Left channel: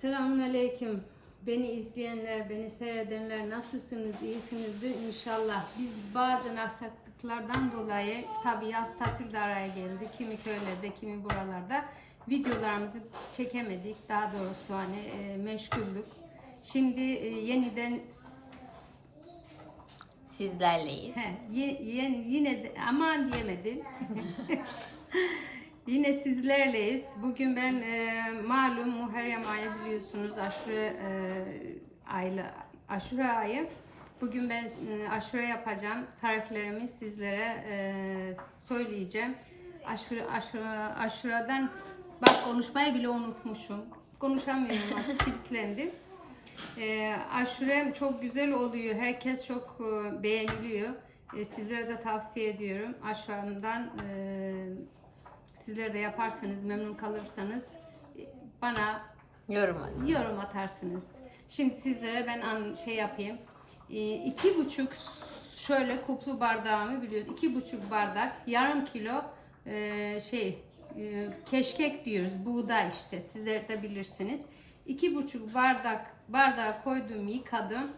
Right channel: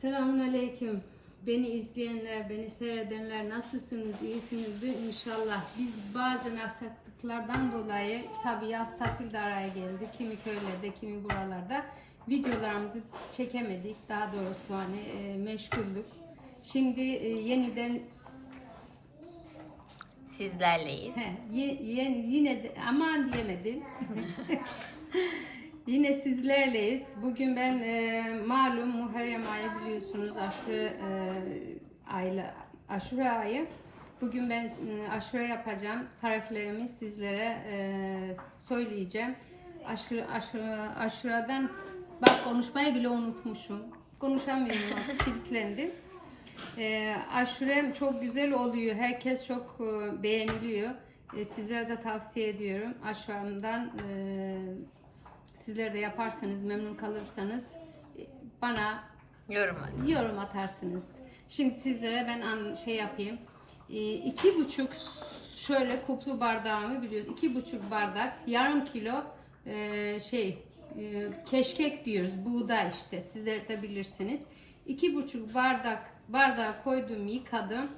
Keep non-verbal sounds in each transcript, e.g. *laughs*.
Selamun Aleyküm. Beni izleyenler, beni seyredenler nasılsınız, iyisinizdir inşallah. Biz bazen aksaklıklardan dolayı tabi yaz tatil de araya geldi. Kimi köylerde, kimi buralarda videolarımızı çekemedik. Daha doğrusu hani e, meşguldük. Şimdi e, yeniden Sizlerleyiz. He, ye- ye- yine de, aman diyemedim. *laughs* *laughs* yine sizlerleyiz. Bugün ben e, malum Muharrem ayı biliyorsunuz aşure e, ayla aşure ayı. Bugün ben e, aşure yapacağım. Tariflerimi sizlere e, söyleyeceğim. Aşure, aşure, aşureden bak konuşmayı bile unutmuşum. Konuşamıyorum artık *laughs* kilitlendim. E, aşurem çok güzel oluyor. Herkes çok e, beğeniliyor. E, sizlere de tavsiye ediyorum. Aşuremden e, sizler de yaparsanız, memnun kalırsanız e, bana Yorum yorum atarsınız. Şimdi sizlere ben an, şey yapayım. E, iki buçuk şöyle kuplu bardağımı biliyoruz. İki buçuk bardak, yarım kilo e, şey e, keşkek diyoruz. Buğday işte. Sizler de bilirsiniz. İki buçuk bardak bardağa koydum, yıkadım.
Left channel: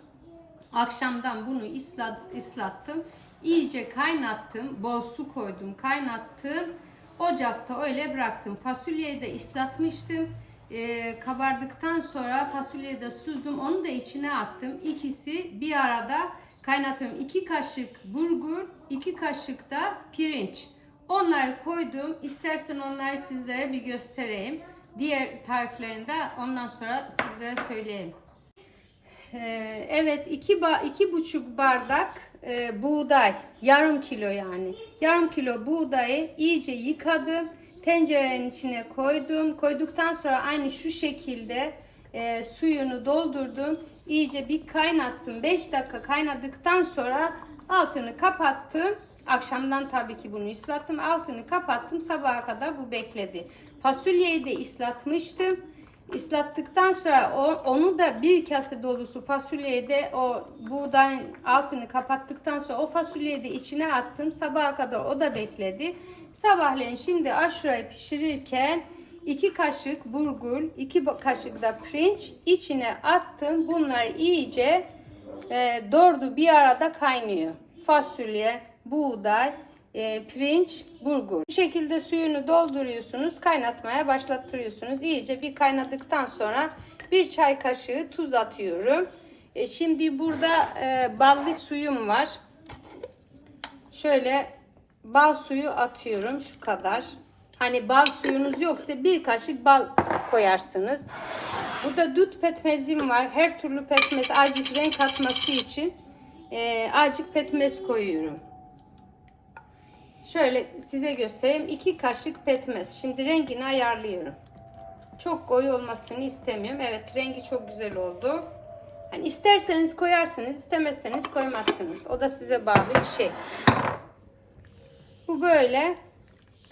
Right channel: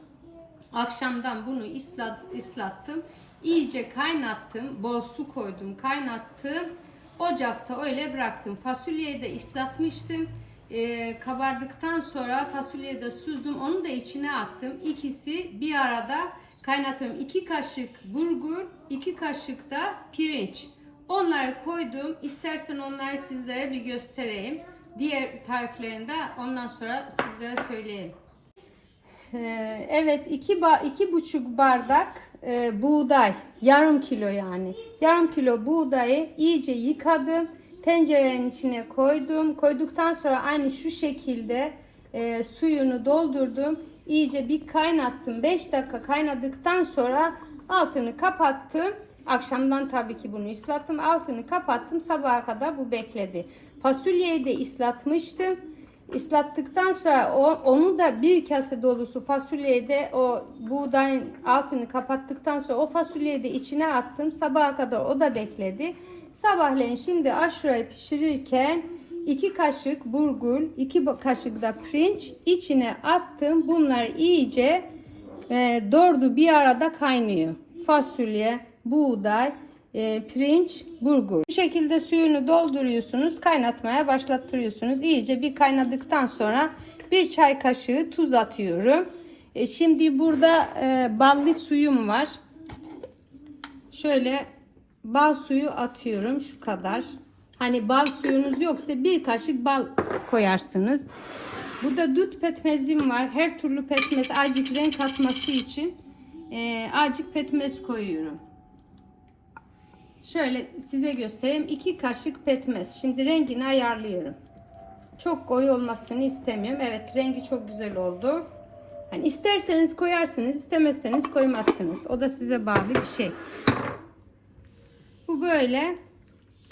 Akşamdan bunu ıslat, ıslattım. İyice kaynattım. Bol su koydum, kaynattım. Ocakta öyle bıraktım. Fasulyeyi de ıslatmıştım. Ee, kabardıktan sonra fasulyeyi de süzdüm. Onu da içine attım. İkisi bir arada kaynatıyorum. 2 kaşık bulgur, 2 kaşık da pirinç. Onları koydum. İstersen onları sizlere bir göstereyim. Diğer tariflerini de ondan sonra sizlere söyleyeyim. Ee, evet iki, ba iki buçuk bardak e, buğday yarım kilo yani. Yarım kilo buğdayı iyice yıkadım tencerenin içine koydum. Koyduktan sonra aynı şu şekilde e, suyunu doldurdum. İyice bir kaynattım. 5 dakika kaynadıktan sonra altını kapattım. Akşamdan tabii ki bunu ıslattım altını kapattım. Sabaha kadar bu bekledi. Fasulyeyi de ıslatmıştım Islattıktan sonra o, onu da bir kase dolusu fasulyeyi de o buğdayın altını kapattıktan sonra o fasulyeyi de içine attım. Sabaha kadar o da bekledi. Sabahleyin şimdi aşurayı pişirirken iki kaşık burgul, iki kaşık da pirinç içine attım. Bunlar iyice e, doğru bir arada kaynıyor. Fasulye, buğday, e, pirinç, bulgur. Bu şekilde suyunu dolduruyorsunuz, kaynatmaya başlattırıyorsunuz. İyice bir kaynadıktan sonra bir çay kaşığı tuz atıyorum. E, şimdi burada e, ballı suyum var. Şöyle bal suyu atıyorum şu kadar. Hani bal suyunuz yoksa bir kaşık bal koyarsınız. Burada dut pekmezim var. Her türlü pekmez acık renk katması için e, acık pekmez koyuyorum. Şöyle size göstereyim. 2 kaşık pekmez. Şimdi rengini ayarlıyorum. Çok koyu olmasını istemiyorum. Evet rengi çok güzel oldu. Yani isterseniz koyarsınız, istemezseniz koymazsınız. O da size bağlı bir şey. Bu böyle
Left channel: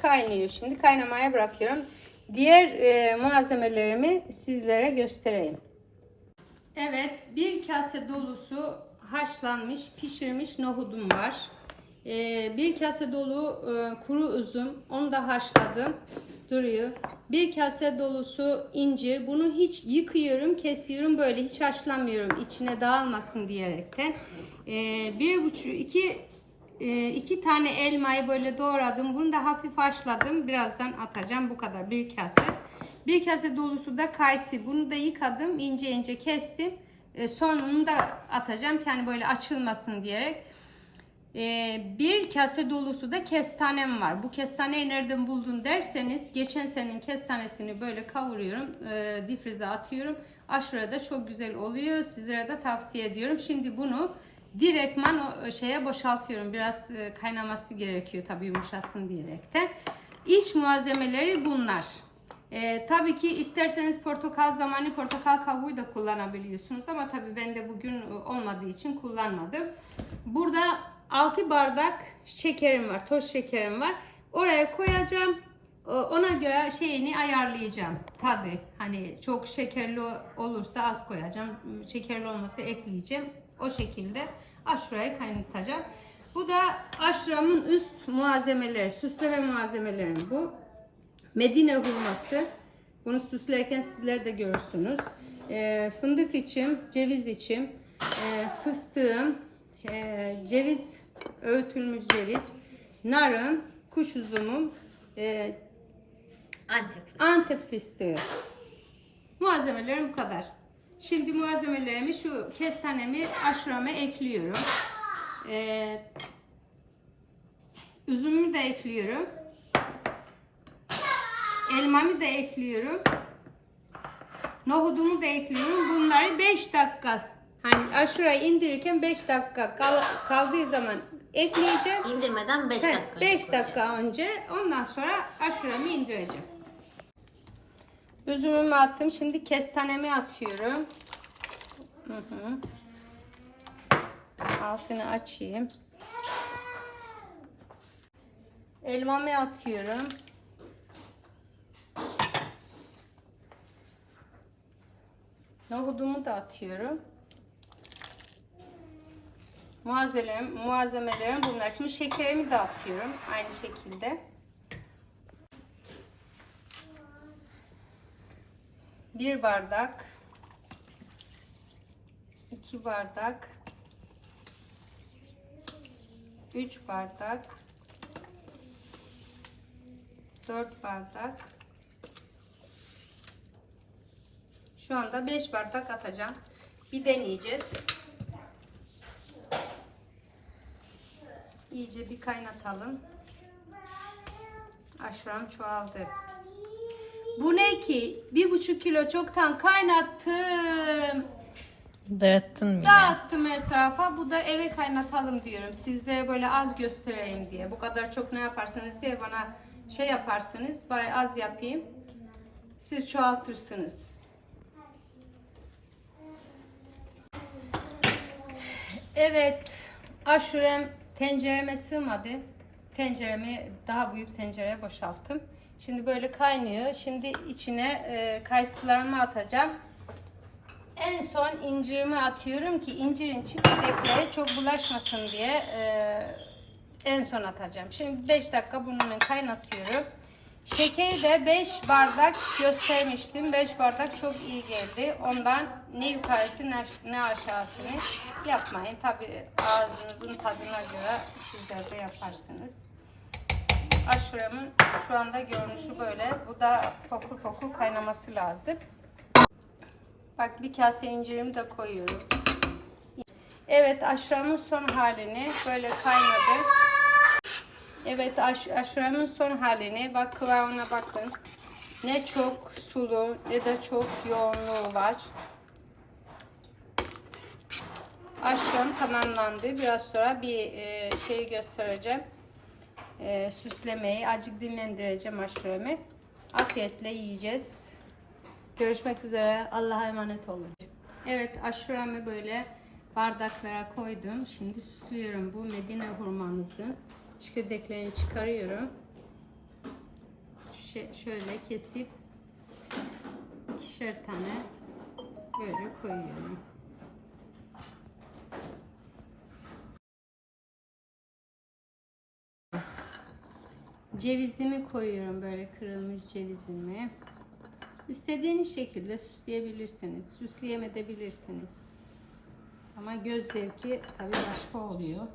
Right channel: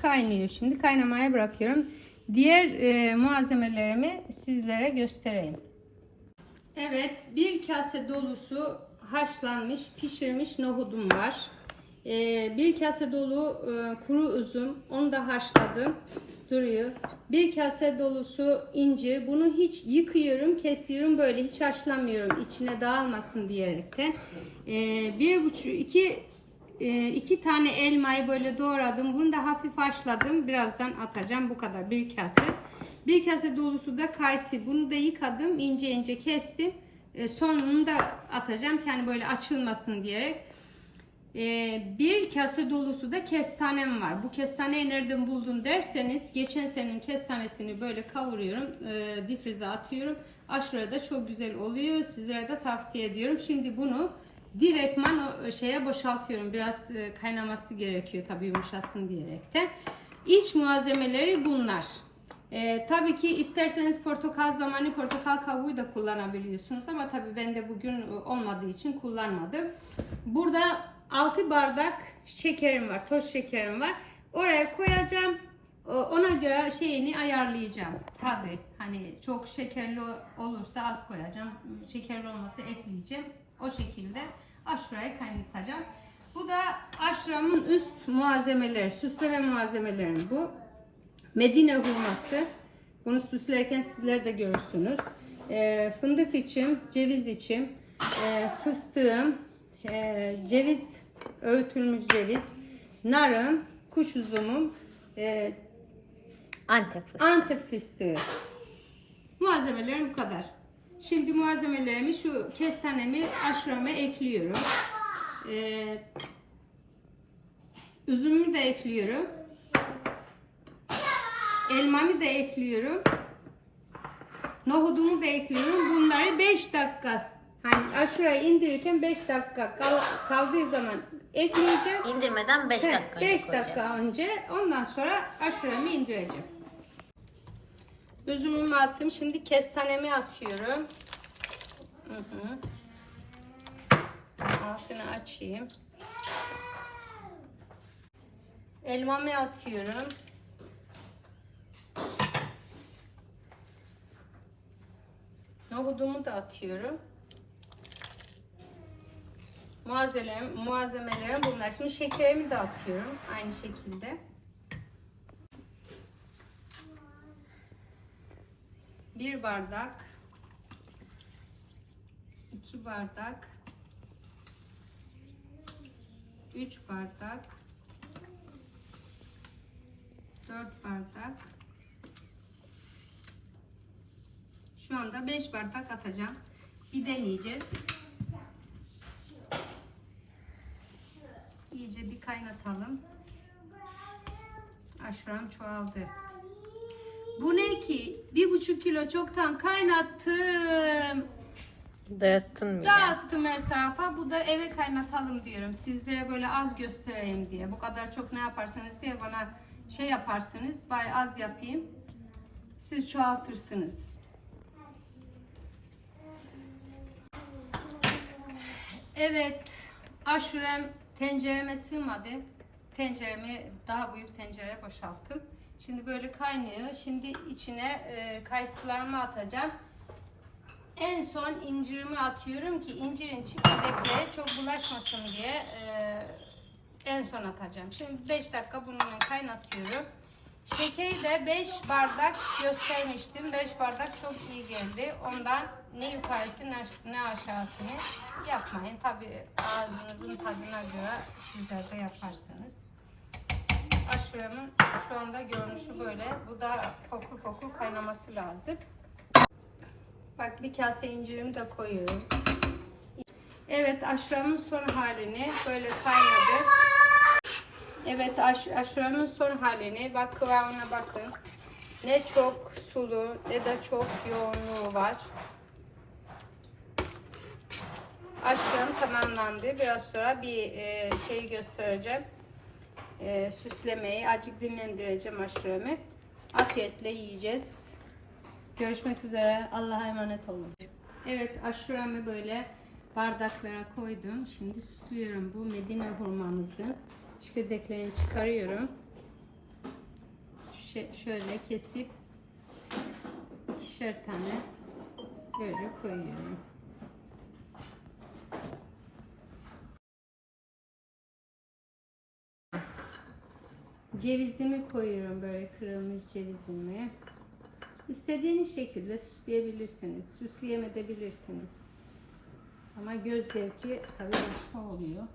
kaynıyor şimdi. Kaynamaya bırakıyorum. Diğer e, malzemelerimi sizlere göstereyim. Evet, bir kase dolusu haşlanmış, pişirmiş nohudum var. Ee, bir kase dolu e, kuru üzüm, onu da haşladım, duruyor. Bir kase dolusu incir, bunu hiç yıkıyorum, kesiyorum böyle, hiç haşlamıyorum içine dağılmasın diyerekten. Ee, bir buçuk, iki, e, iki tane elmayı böyle doğradım, bunu da hafif haşladım, birazdan atacağım, bu kadar bir kase. Bir kase dolusu da kayısı, bunu da yıkadım, ince ince kestim. E, sonunu da atacağım, yani böyle açılmasın diyerek. Ee, bir kase dolusu da kestanem var. Bu kestaneyi nereden buldun derseniz geçen senenin kestanesini böyle kavuruyorum. E, difrize atıyorum. Aşure da çok güzel oluyor. Sizlere de tavsiye ediyorum. Şimdi bunu direktman o şeye boşaltıyorum. Biraz e, kaynaması gerekiyor tabii yumuşasın diyerekten. İç malzemeleri bunlar. Ee, tabii ki isterseniz portakal zamanı portakal kabuğu da kullanabiliyorsunuz ama tabii ben de bugün olmadığı için kullanmadım. Burada 6 bardak şekerim var, toz şekerim var. Oraya koyacağım. Ona göre şeyini ayarlayacağım. Tadı hani çok şekerli olursa az koyacağım. Şekerli olmasa ekleyeceğim. O şekilde aşurayı kaynatacağım. Bu da aşuramın üst malzemeleri, süsleme malzemelerim bu. Medine hurması. Bunu süslerken sizler de görürsünüz. Ee, fındık içim, ceviz içim, e, fıstığım, e, ceviz, öğütülmüş ceviz, narım, kuş üzümüm, e, Antep fıstığı. Antep fıstığı. Malzemelerim bu kadar. Şimdi malzemelerimi şu kestanemi aşurama ekliyorum. Ee, üzümümü de ekliyorum. Elmamı da ekliyorum. Nohudumu da ekliyorum. Bunları 5 dakika hani aşurayı indirirken 5 dakika kal- kaldığı zaman ekleyeceğim. İndirmeden 5 dakika 5 önce dakika önce ondan sonra aşuramı indireceğim. Üzümümü attım. Şimdi kestanemi atıyorum. Hı hı. Altını açayım. Elmamı atıyorum. Nohudumu da atıyorum. Malzemelerim, malzemelerim bunlar. Şimdi şekerimi de atıyorum aynı şekilde. Bir bardak, iki bardak, üç bardak, dört bardak. Şu anda beş bardak atacağım. Bir deneyeceğiz. İyice bir kaynatalım. Aşuram çoğaldı. Bu ne ki? Bir buçuk kilo çoktan kaynattım. Dağıttın bile. Dağıttım her tarafa. Bu da eve kaynatalım diyorum. Sizlere böyle az göstereyim diye. Bu kadar çok ne yaparsanız diye bana şey yaparsınız. Bari az yapayım. Siz çoğaltırsınız. Evet. Aşurem tencereme sığmadı. Tenceremi daha büyük tencereye boşalttım. Şimdi böyle kaynıyor. Şimdi içine e, kayısılarımı atacağım. En son incirimi atıyorum ki incirin çekirdeklere çok bulaşmasın diye e, en son atacağım. Şimdi 5 dakika bununla kaynatıyorum. Şekeri de 5 bardak göstermiştim. 5 bardak çok iyi geldi. Ondan ne yukarısı ne, ne aşağısını yapmayın. Tabi ağzınızın tadına göre sizler de yaparsınız. Aşuramın şu anda görünüşü böyle. Bu da fokur fokur kaynaması lazım. Bak bir kase incirimi de koyuyorum. Evet aşuramın son halini böyle kaynadı. Evet aş aşuramın son halini bak kıvamına bakın. Ne çok sulu ne de çok yoğunluğu var. Aşuram tamamlandı. Biraz sonra bir e, şeyi göstereceğim. E, süslemeyi acık dinlendireceğim aşuramı. Afiyetle yiyeceğiz. Görüşmek üzere. Allah'a emanet olun. Evet aşuramı böyle bardaklara koydum. Şimdi süslüyorum. Bu Medine hurmamızın çekirdeklerini çıkarıyorum. Ş- şöyle kesip ikişer tane böyle koyuyorum. Cevizimi koyuyorum böyle kırılmış cevizimi. İstediğiniz şekilde süsleyebilirsiniz. Süsleyemeyebilirsiniz. Ama göz zevki tabii başka oluyor.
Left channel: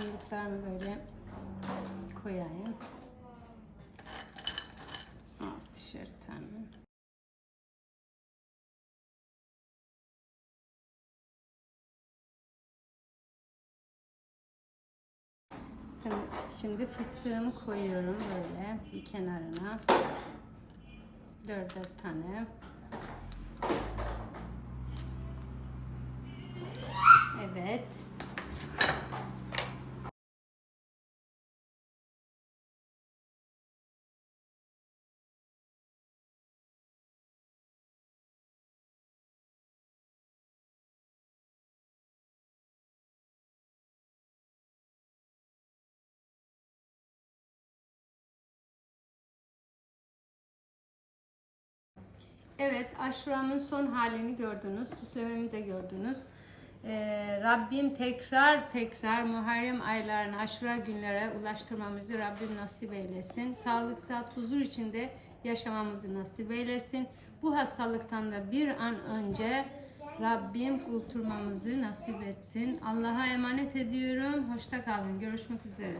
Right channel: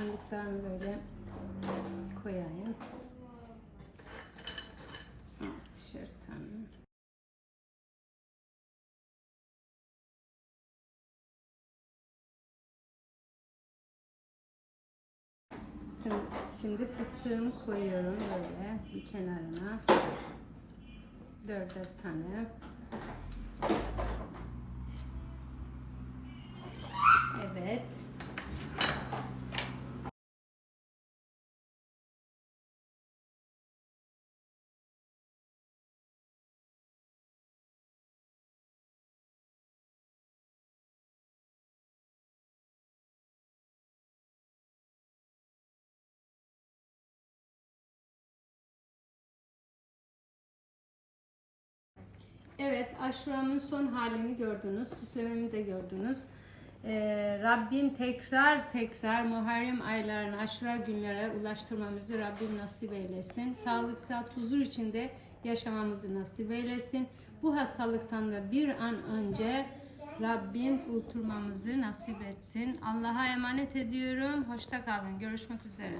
Fındıklarını böyle koyayım. Altışer tane. Şimdi fıstığımı koyuyorum böyle bir kenarına. Dörder tane. Evet, aşuramın son halini gördünüz. Süslememi de gördünüz. Ee, Rabbim tekrar tekrar Muharrem aylarına, aşura günlere ulaştırmamızı Rabbim nasip eylesin. Sağlık, sıhhat, huzur içinde yaşamamızı nasip eylesin. Bu hastalıktan da bir an önce Rabbim kurtulmamızı nasip etsin. Allah'a emanet ediyorum. Hoşça kalın. Görüşmek üzere.